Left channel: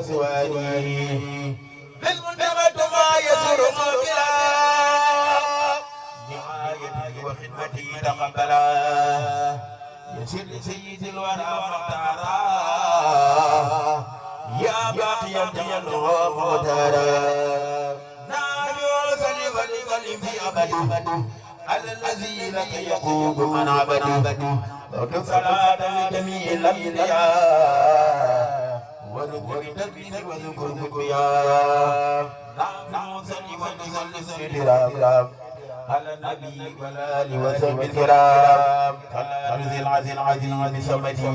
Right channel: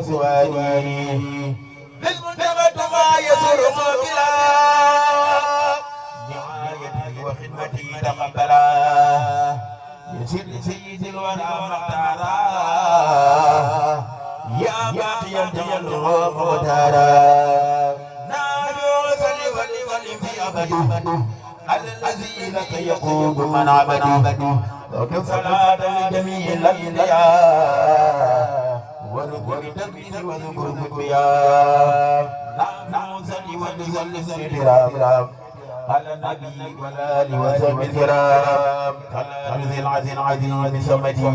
بسواني بالمنتقد ما يسرق بلا نعايتي وخدمتي تقبلا يسر سيد الورى مختارا يا باقي الجمال ومختارا نادو صلي وسلم في أبد على الذي لك يقود من عبدي وكف صلاة لجميع الأنبياء وذكر تكبير وذكر ذكريا نحن صلي وسلم الكرام على النبي والآل وصحبه الكرام كالذي العزيز العزيز بسمته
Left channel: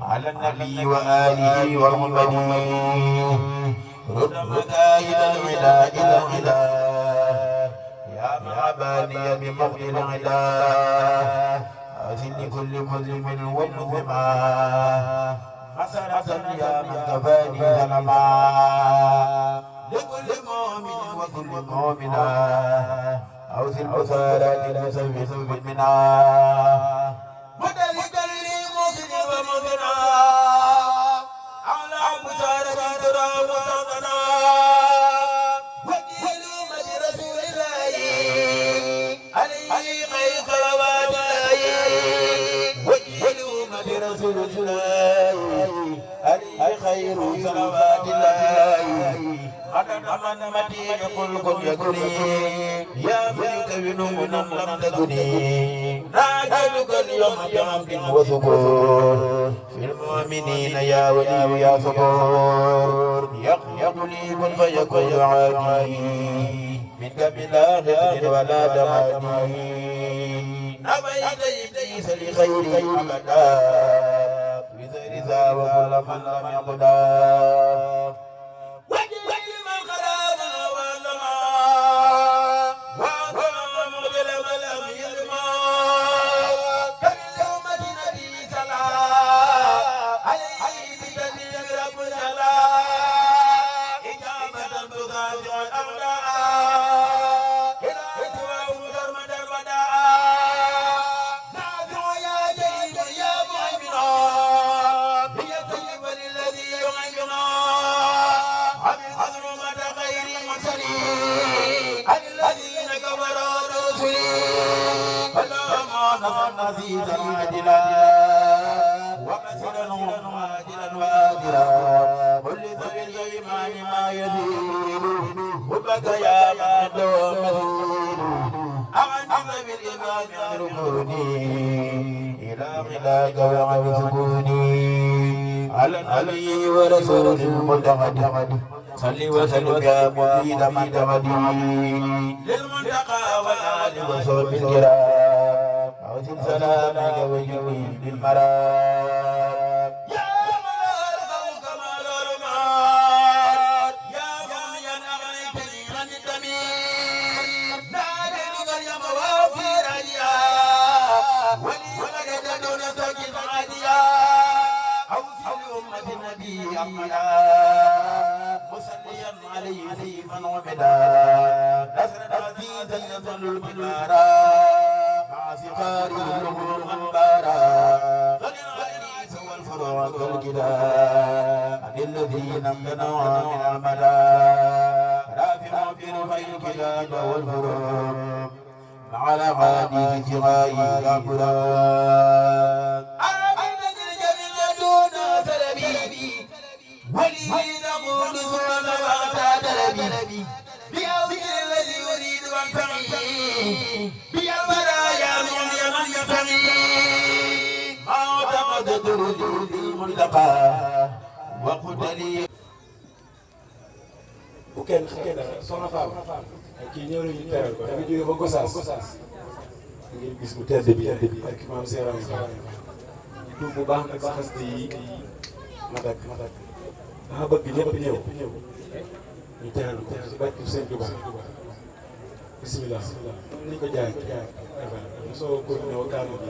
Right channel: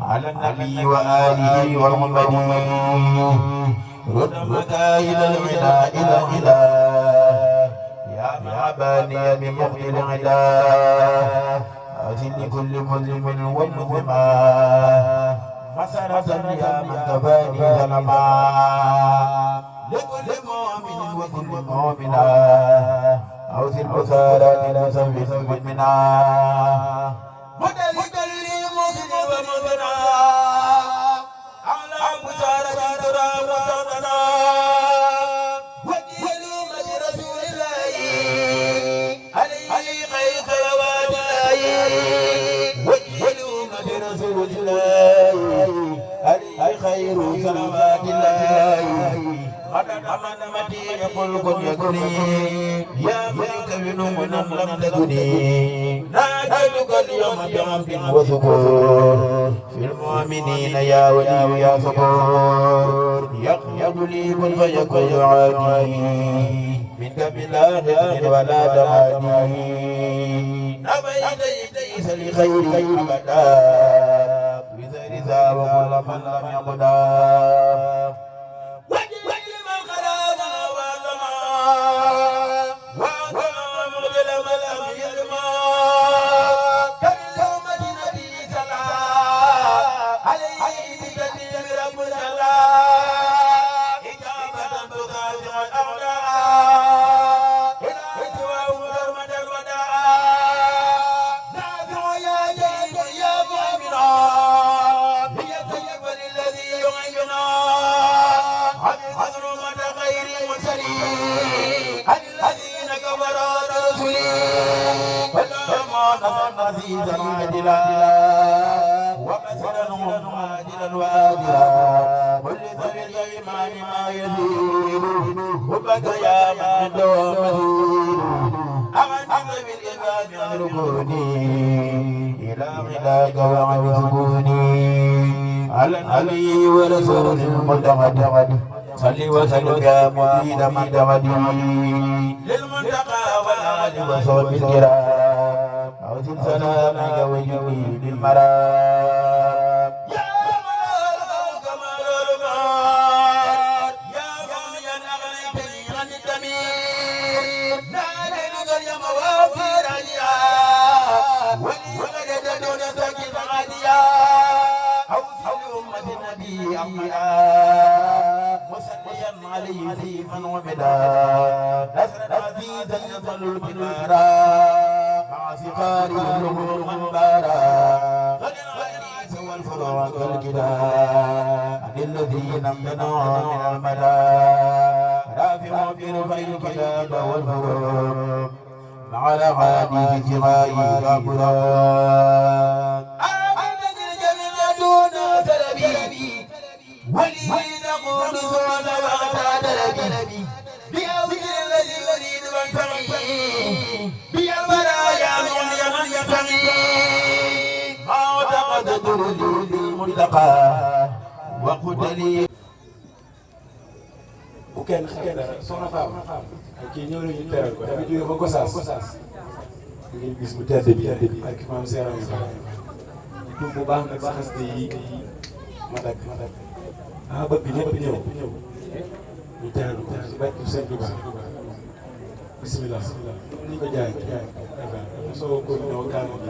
على النبي وآله والغمد رد مكايد العدا إلى إله يا معباني بمغفر العدا أزل كل مظلم والمظلما مسرة يا من كفاني ظلما لكل مؤمن وكل مؤمنة أوزل بثارات المسوي منا مدلك لي مؤمن ومؤمنة على بثارة ترى وصدنا وكيلوا مد رسول الله عليه خير صلوات الله وكيلوا مد رسول الله عليه خير صلوات الله أنا متي يقول كن يكني يا ملك بنوم لم تكني ناجلك اليوم بعمد وثبور في المؤمنين يا ولي يا صبور يقيم لي كن فيكون عادي منك بلا نذر ولا دمادي نبيت إبليس لخير أبدا بذر ذا وكل من لم يقدا عزيزا عادلا وبشرا عاجلا وآجلا كل ذوي الإيمان ما يزيد حبك يا من دوم أغني ذوي الإيمان عن ركوني إلى غلاك وعن سكوني على النبي ورسول المتقد صل وسلم يا مفيد من تمدي للمنتقى والآل وصحبه الكرام أوزن سلامك وجهي بالمرام يا ملال فوق ملال المار يا غنيا أغنيتني عن الدمير ناديك اليوم وفي رجيا ولي ولد دون سكت عاديا أوصل أمة النبي أمدا مصليا عليه سيفا ومدا نصرا عزيزا يظل الكبارا سفاري الأمور منبارا غني العزيز والفروع كالكداء عن الذين امتنعوا من المدى رافع في رفع الكلاب والفروع مع الأغاني في جماعي وابراد آمنت الجميع دون سلبي ولي نقول سوى ما اغتاد بأوجه الذي يريد منفعه بالبرايا من يمن يفعي ما اعتقد المنتقى وقلت لي bu kenn soxna Fama kii ñëw nañu teral ko dafa jóge ba Gosaas ngir gis bu tedd bi ak maam Seeram yi tuub bu baax nag sa xaste yi ma dagg dama bëgg ñëpp ñëw ñu teral ko si barke Sëñ Tuubaa bismillah ni ko jaay soo ko ñëw kaanu bi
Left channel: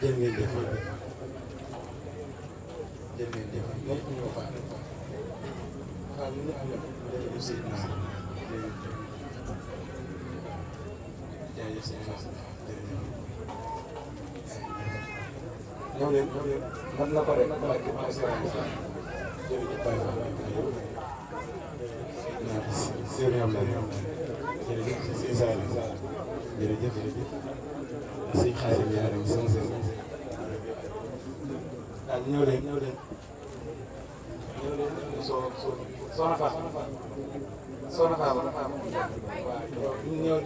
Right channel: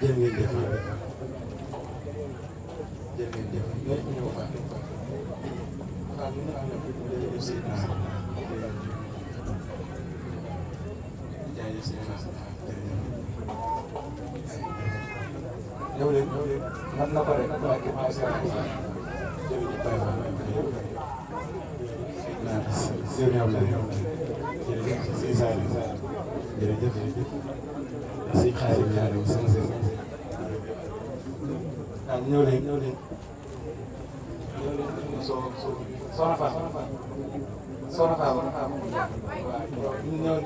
jërë ngeen def jërë ngeen jëf ñëpp ñëw fa xam ne am na jërëjëf si naa jërëjëf si naa ñëw leen man na ko rek barke maa si jërëjëf Baye Fall Serigne Ablaye jërëjëf Sëñ Saliou jërëjëf Sëñ Xaadim Yaaram sëñ ñëw leen soxna Fatou waaw ñëw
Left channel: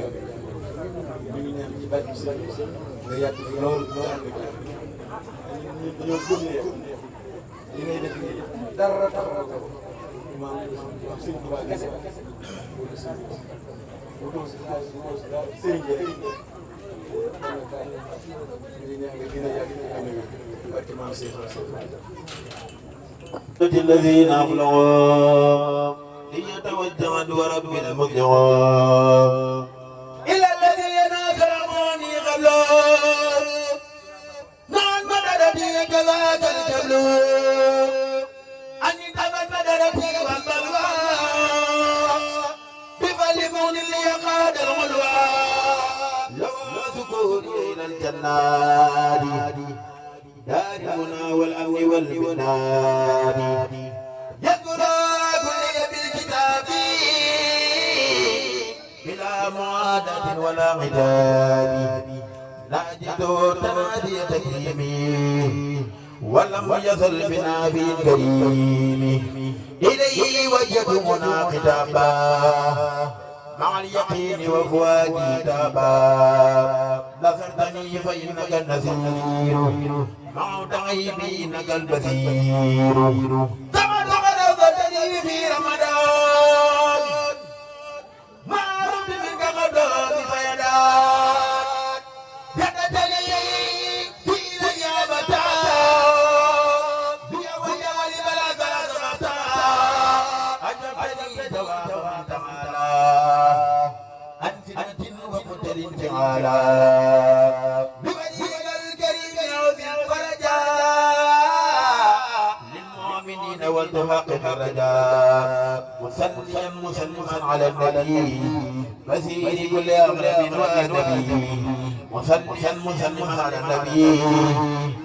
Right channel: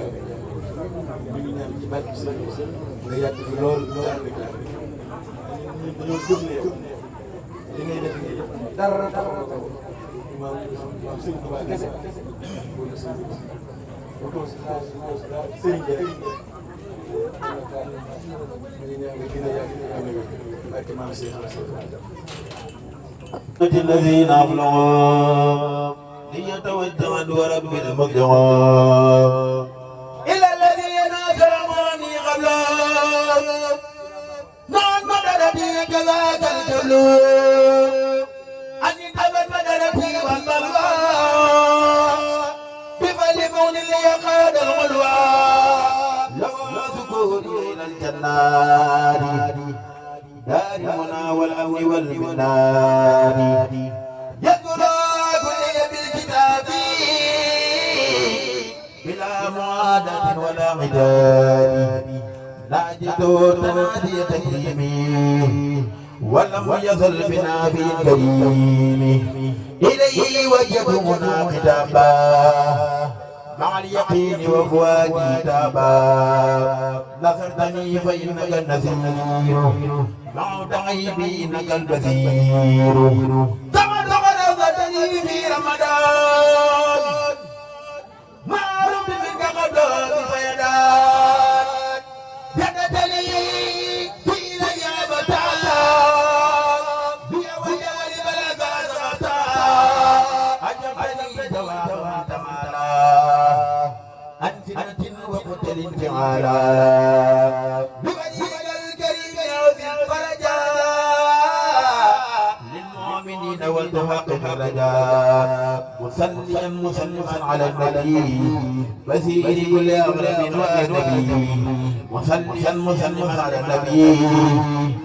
ñu ngi ñaan ci barke si nga yàgg fi loolu ñu ànd ak dañoo gëm ne li ngay def nii dara taxaw ko maam sëñ Tuubaa kese wala sëriñ bi ñu ñaan nga gën a yàgg ànd ak barke maam Cheikh الذين أفلحوا ليتوجه ورب المرجع إلى الذين أكرموني قبله نعم مدرتي كذاك الجبل أني تبت مدرتي والبلوى بفلمون ليقاد الغلوى لو سكوني إلى الجنات دار المنى والأمن والبنان يذكر كل بالكتاب بلا معاداة ولا عداد ناجد تنادي تكريمي ولم يزل بنا في الكريم إليه وجهنا خطابا مع اليقين وفؤادي تابا نصرتني فإنك النذير مع تعيبي إنك البصير كما تغرفتني في رمضان ما رب منك قدر فيدان جدتني في ليابتا بيا وجه لبلغ زغتا أجبتني جوابا تمالا أنت وقتل انفعالا بوجهك الكريم عظيم فرجا للمؤمنين والتحقق الرجاء مسلما على النبي بشير كل أغلب والنبي مسلما على النبي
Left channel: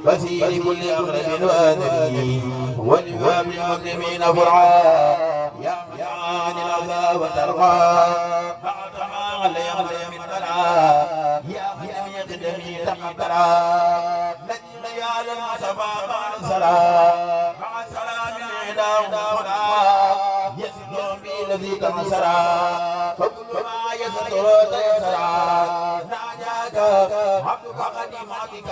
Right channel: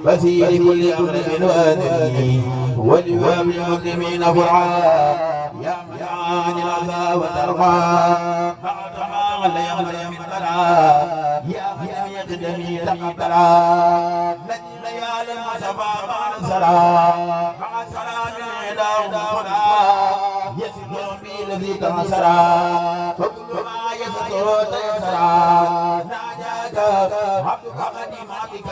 بشير كل أغلب والنبي ولواب المسلمين فرعا يا معاني العذاب وترقى بعد يغلى من بلاء يا من يقدمي تقبلا نجم يا لما سفى بعد السلام مع سلام عداه يسر بي الذي تنصرا فكل ما يسر تيسرا ناجاك عبدك قديماتك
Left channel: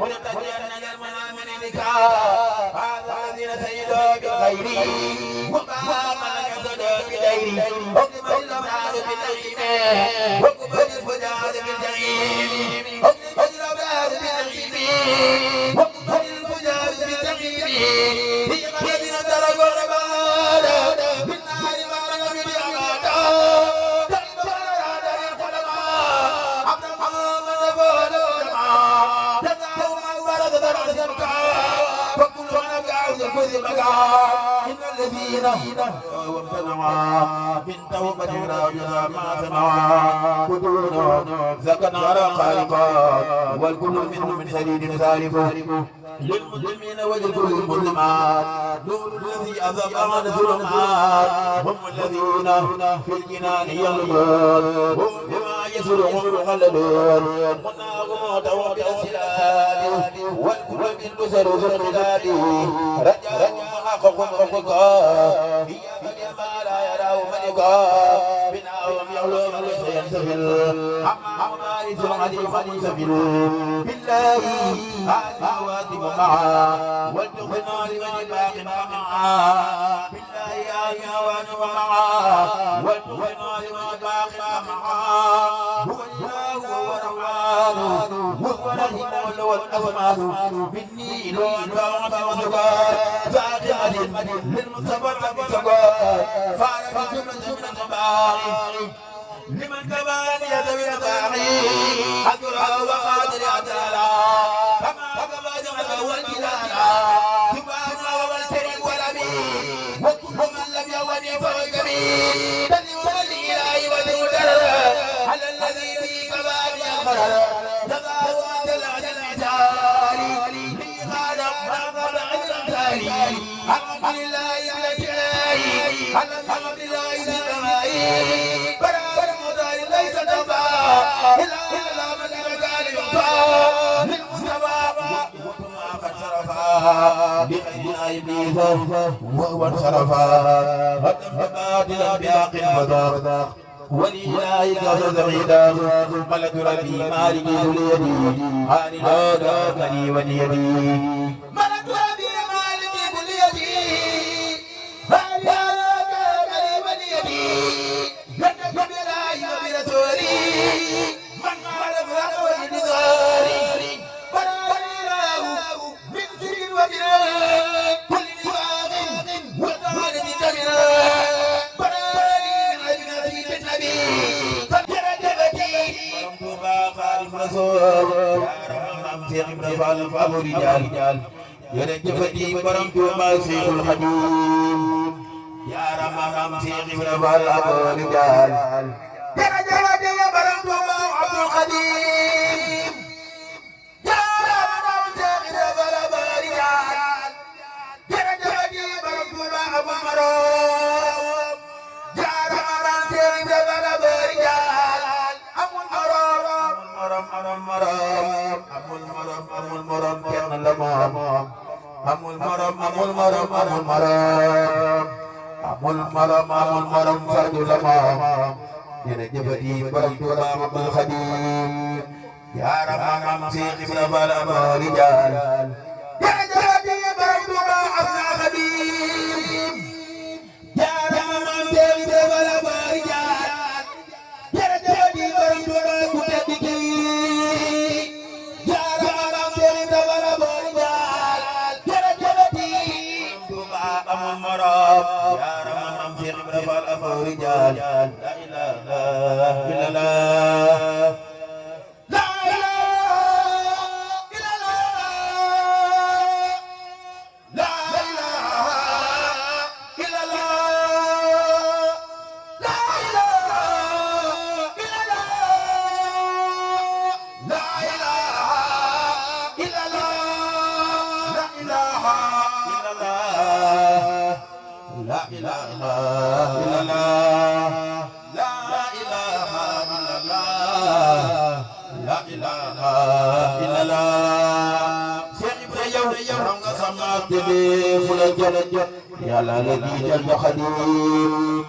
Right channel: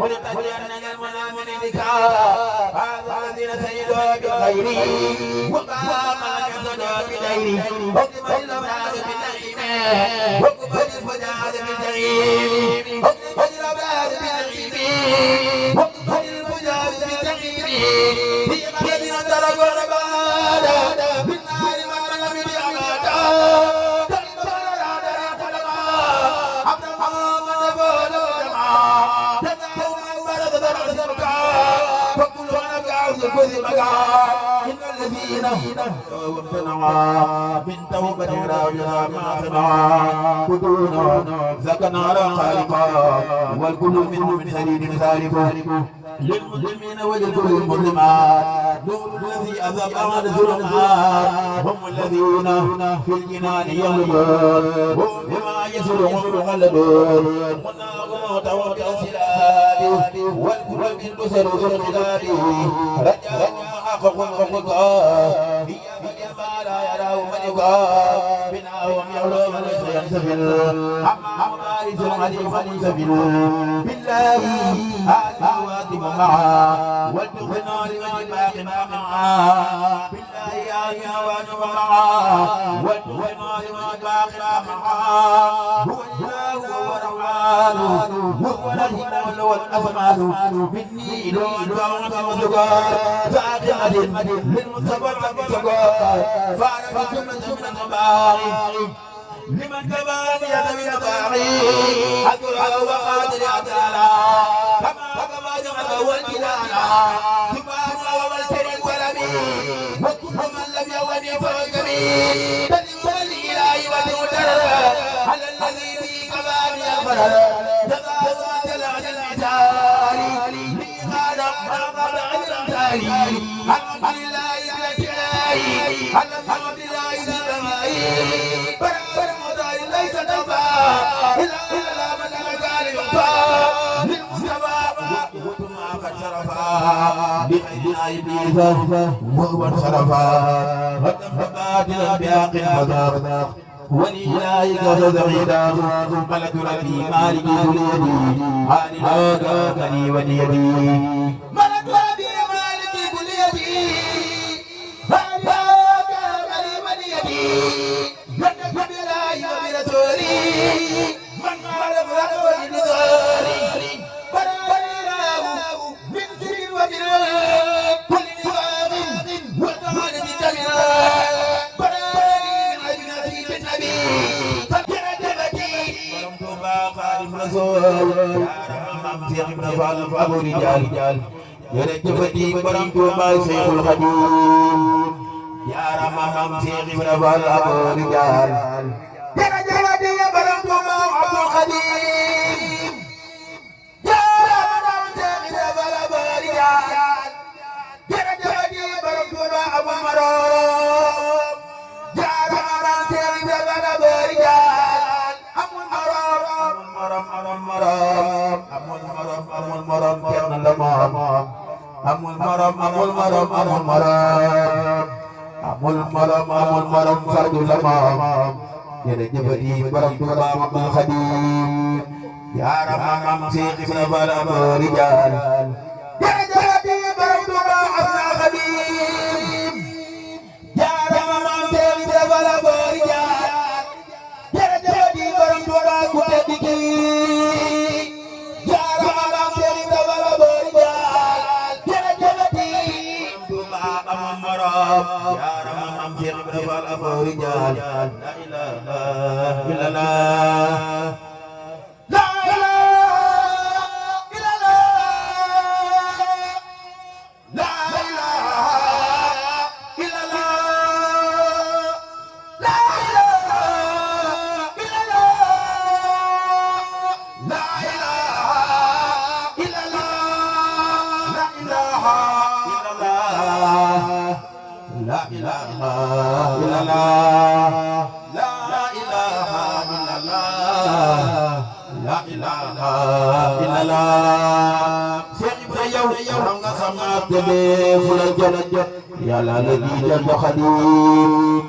ولتجنن المنامن بك هذا الذي سيد بالخير وقام يسد بدير حكم الأمراض بالنعيم حكم الفجار بالجحيم حكم الأمراض بالنعيم حكم الفجار بالجحيم في قلبنا درب الرباد بالنار ما رغم بأمادا تقبل العدل قلبا عبد محمد فولو جمعا تدعو من ورد درع سبكا فكل من أبقى الكذب إن الذين وابتنوا من توبة راجعا ما سمعا بدون سكن رقائقا والكل منهم من سديد سالف للمسلمين ولكل المسلمات نور الذي أذهب عن الظلمات هم الذين في الجنان يغلبون هم بما يسرهم يخلدون مناهم توبة السلام والكل من بسر الخلاب رجاء حقق الخلقاء هي ما لا يراه ملكا بناهم يغلو من سينسفل أما مبارس حليفا ينسفل بالله هذه واتم معا والتقنا لمن باق معا بالله هذه واتم معا والتقنا لمن باق معا هو الله وهو الرحمن وهو الرحيم والأفمان مني إلى الفاعل وذكر فاقعة للمصطفى بسكر فعل في جملة من المبارك لمن كمان يدوي الباقي أجرى وقادر أجالا كما جمع والجلالا سبحان الله والكريم والأمين وكل من لم يوني فوقني تدعو الإله ودودر على الذي في كمان يغفر تبارك جل المثال لي غادر ما قبل الأمثال الحمد لله الحمد لله ليس تنفع إلا من كان ينفع للمستوى وكما قد شرفا بخير إبليس وهو انصرفا باطلا بحق فذاق ولله قصد غدا ملك ربي مالك ذو اليد عن الهدى كني وليدي ملك ربي مالك ذو اليد jërëjëfati borom Tuuba Seexul Xadiim jaarama maam Seex Ibra Faal aboo rijaal jërëjëfati borom Tuuba Abdul Xadiim jaarama maam Seex Ibra Faal aboo rijaal jërëjëfati borom Tuuba Abul Maroom jaarama maam Seex Ibra Faal aboo rijaal amul morom kenn la moom amul morom fardu la moom jërëjëfati borom Tuuba Abdul Xadiim jaarama maam Seex Ibra Faal aboo rijaal jërëjëfati borom Tuuba Abdul Xadiim jaarama maam Seex Ibra Faal aboo rijaal jërëjëfati borom Tuuba ku tedd ki jaarama maam Seex Ibra Faal aboo rijaal jërëjëfati Tuuba amul morom jaarama maam Seex Ibra Faal aboo rijaal la ilaha illallah la ilaha illallah la ilaha illallah la ilaha illallah la ilaha illallah la ilaha illallah la ilaha illallah la ilaha illallah Seex Ibra yow xam nga sama tebe fu la jot yàlla la di jot Xadiim